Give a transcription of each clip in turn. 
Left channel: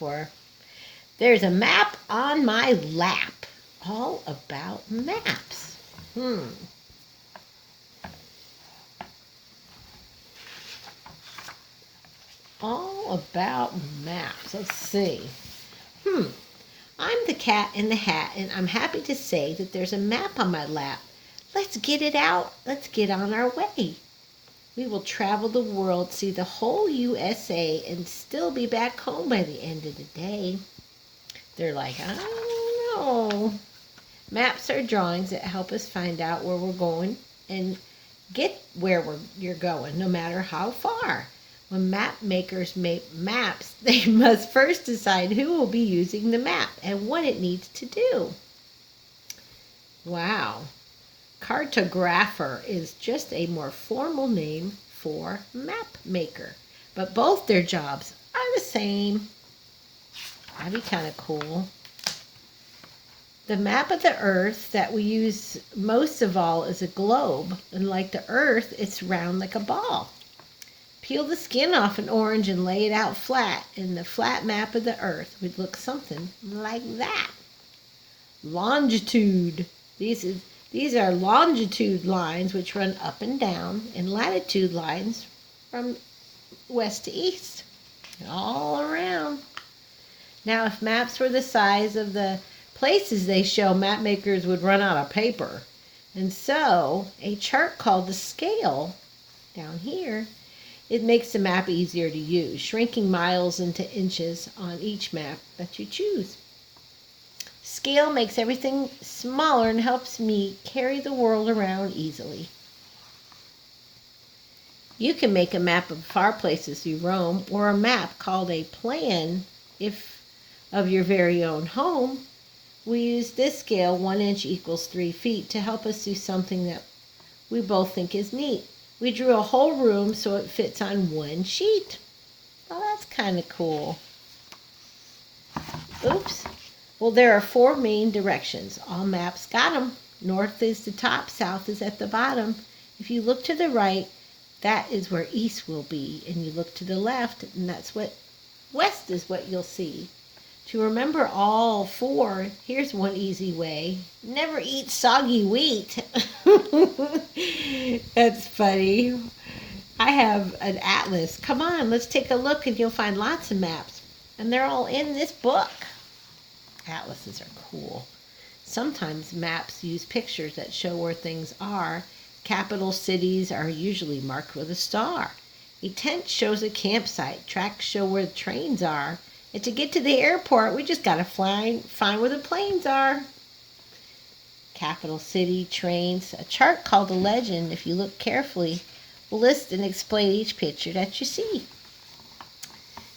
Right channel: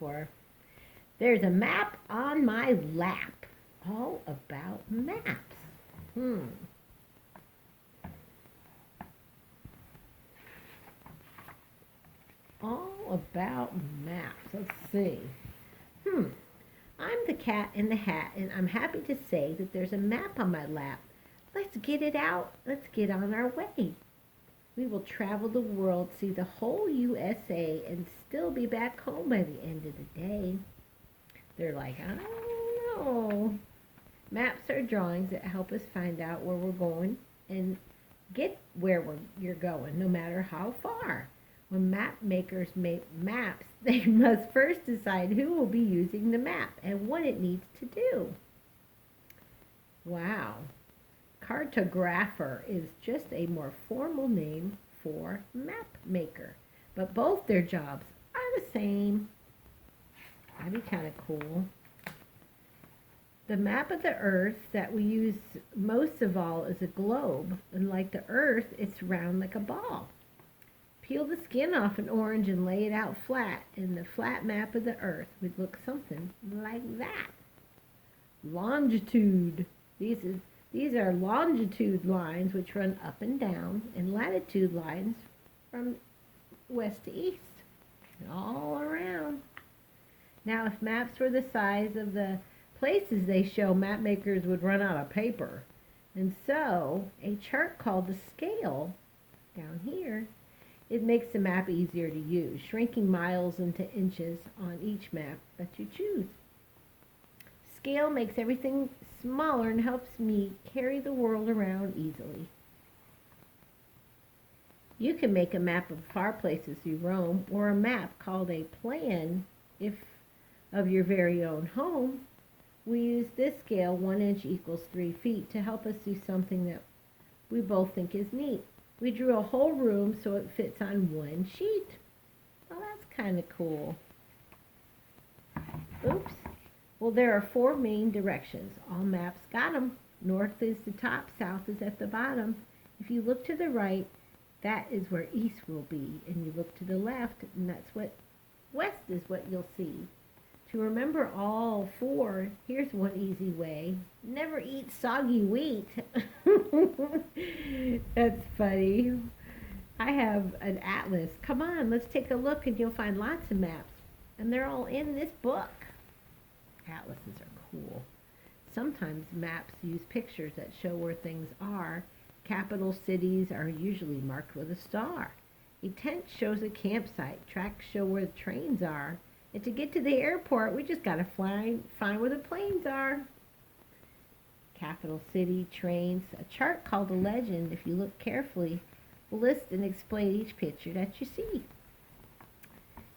for. There's a map on my lap. All about maps. All about maps. Let's see. I'm the cat in the hat, and I'm happy to say that there's a map on my lap. Let's get it out. Let's get on our way. We will travel the world, see the whole USA, and still be back home by the end of the day. They're like, I don't know. Maps are drawings that help us find out where we're going and get where you're going, no matter how far. When map makers make maps, they must first decide who will be using the map and what it needs to do. Wow. Cartographer is just a more formal name for map maker, but both their jobs are the same. That'd be kind of cool. The map of the Earth that we use most of all is a globe, and like the Earth, it's round like a ball. Peel the skin off an orange and lay it out flat, and the flat map of the Earth would look something like that. Longitude. These are longitude lines which run up and down, and latitude lines from west to east, all around. Now, if maps were the size of the places they show, map makers would run out of paper. And so, a chart called the scale, down here, it makes the map easier to use, shrinking miles into inches on each map that you choose. Scale makes everything smaller and helps me carry the world around easily. You can make a map of far places you roam, or a map called a plan of your very own home. We use this scale, 1 inch equals 3 feet, to help us do something that we both think is neat. We drew a whole room so it fits on one sheet. Well, that's kind of cool. Oops. Well, there are 4 main directions. All maps got them. North is the top, south is at the bottom. If you look to the right, that is where east will be. And you look to the left, and that's what west is what you'll see. To remember all 4, here's one easy way. Never eat soggy wheat. That's funny. I have an atlas. Come on, let's take a look and you'll find lots of maps. And they're all in this book. Atlases are cool. Sometimes maps use pictures that show where things are. Capital cities are usually marked with a star. A tent shows a campsite. Tracks show where the trains are. And to get to the airport, we just got to find where the planes are. Capital city, trains. A chart called a legend, if you look carefully, will list and explain each picture that you see.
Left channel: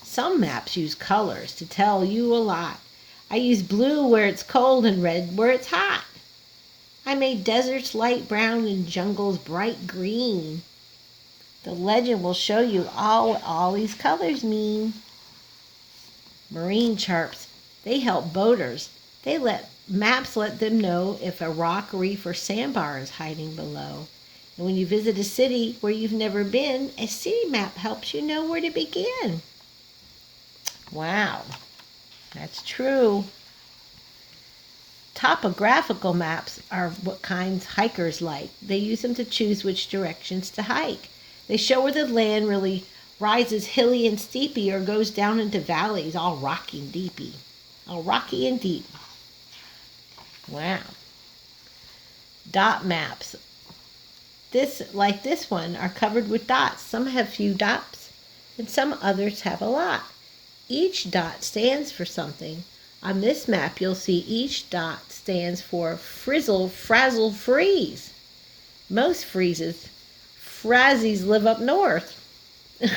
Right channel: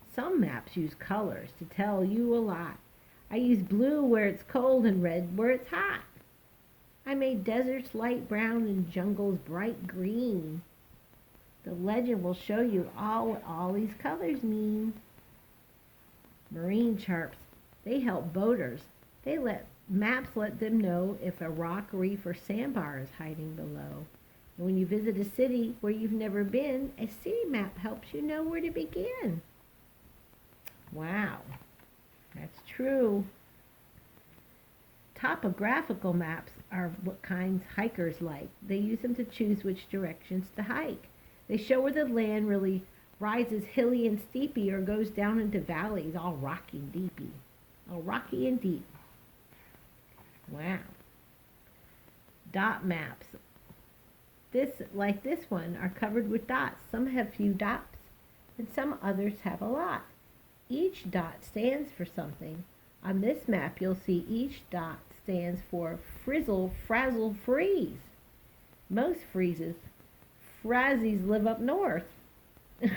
Some maps use colors to tell you a lot. I use blue where it's cold and red where it's hot. I made deserts light brown and jungles bright green. The legend will show you what all these colors mean. Marine charts, they help boaters. Maps let them know if a rock, reef, or sandbar is hiding below. And when you visit a city where you've never been, a city map helps you know where to begin. Wow, that's true. Topographical maps are what kinds hikers like. They use them to choose which directions to hike. They show where the land really rises hilly and steepy or goes down into valleys, all rocky and deepy. All rocky and deep. Wow. Dot maps. Like this one, are covered with dots. Some have few dots, and some others have a lot. Each dot stands for something. On this map, you'll see each dot stands for frizzle, frazzle, freeze. Most Frazzies live up north,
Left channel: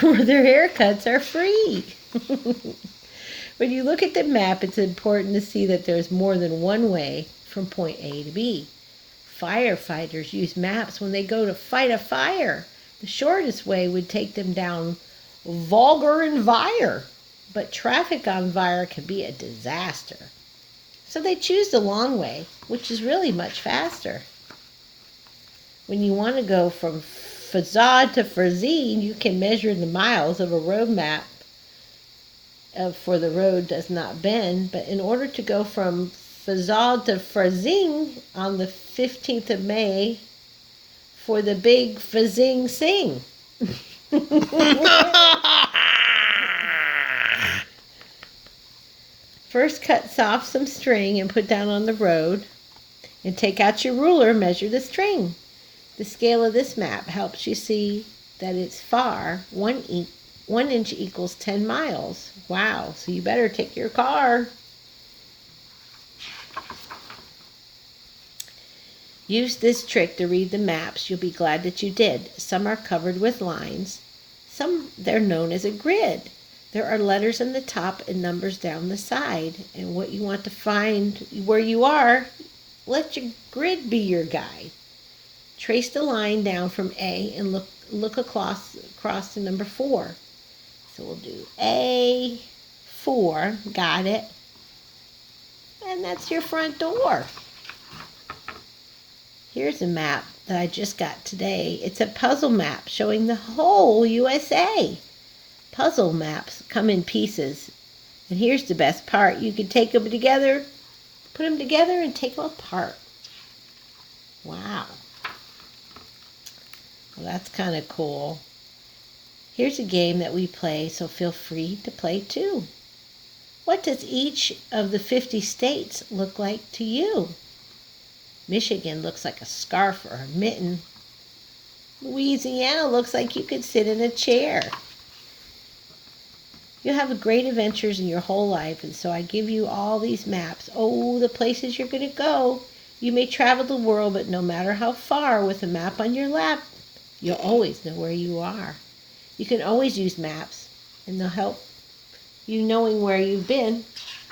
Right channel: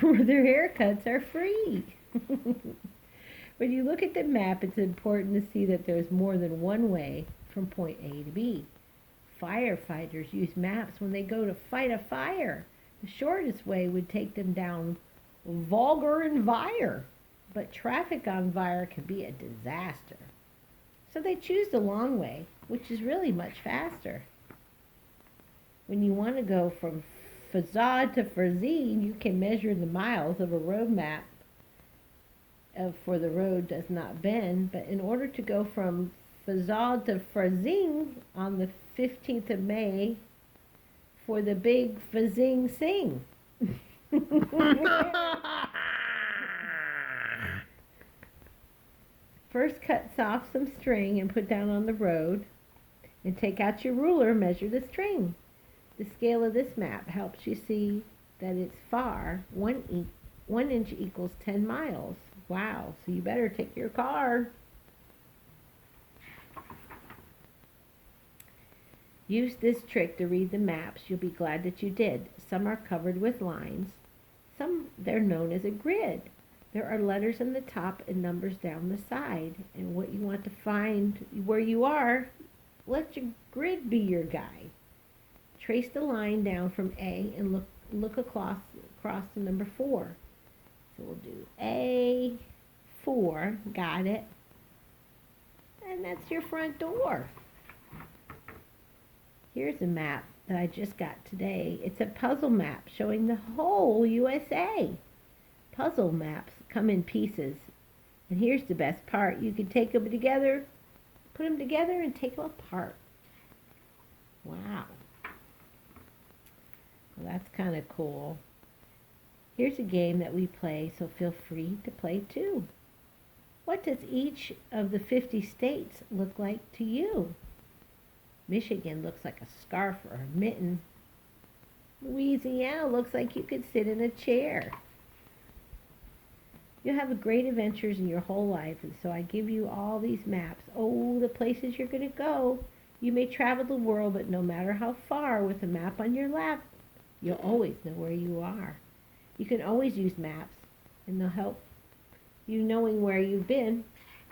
where their haircuts are free. When you look at the map, it's important to see that there's more than one way from point A to B. Firefighters use maps when they go to fight a fire. The shortest way would take them down Vulgar and Vire, but traffic on Vire can be a disaster. So they choose the long way, which is really much faster. When you want to go from Fazad to Frazine, you can measure the miles of a road map for the road does not bend, but in order to go from Fazal to Frazing on the 15th of May for the big Fazing Sing. First, cut off some string and put down on the road, and take out your ruler, measure the string. The scale of this map helps you see that it's far. 1 inch equals 10 miles. Wow, so you better take your car. Use this trick to read the maps. You'll be glad that you did. Some are covered with lines. Some, they're known as a grid. There are letters on the top and numbers down the side. And what you want to find where you are, let your grid be your guide. Trace the line down from A and look across to number 4. So we'll do A4, got it. And that's your front door. Here's a map that I just got today. It's a puzzle map showing the whole USA. Puzzle maps come in pieces. And here's the best part. You can take them together, put them together and take them apart. Wow. Well, that's kind of cool. Here's a game that we play, so feel free to play too. What does each of the 50 states look like to you? Michigan looks like a scarf or a mitten. Louisiana looks like you could sit in a chair. You have great adventures in your whole life, and so I give you all these maps. Oh, the places you're going to go. You may travel the world, but no matter how far, with a map on your lap, you'll always know where you are. You can always use maps, and they'll help you knowing where you've been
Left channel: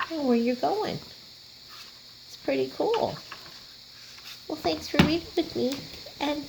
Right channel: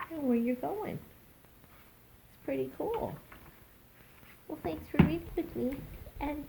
and where you're going. It's pretty cool. Well, thanks for reading with me, and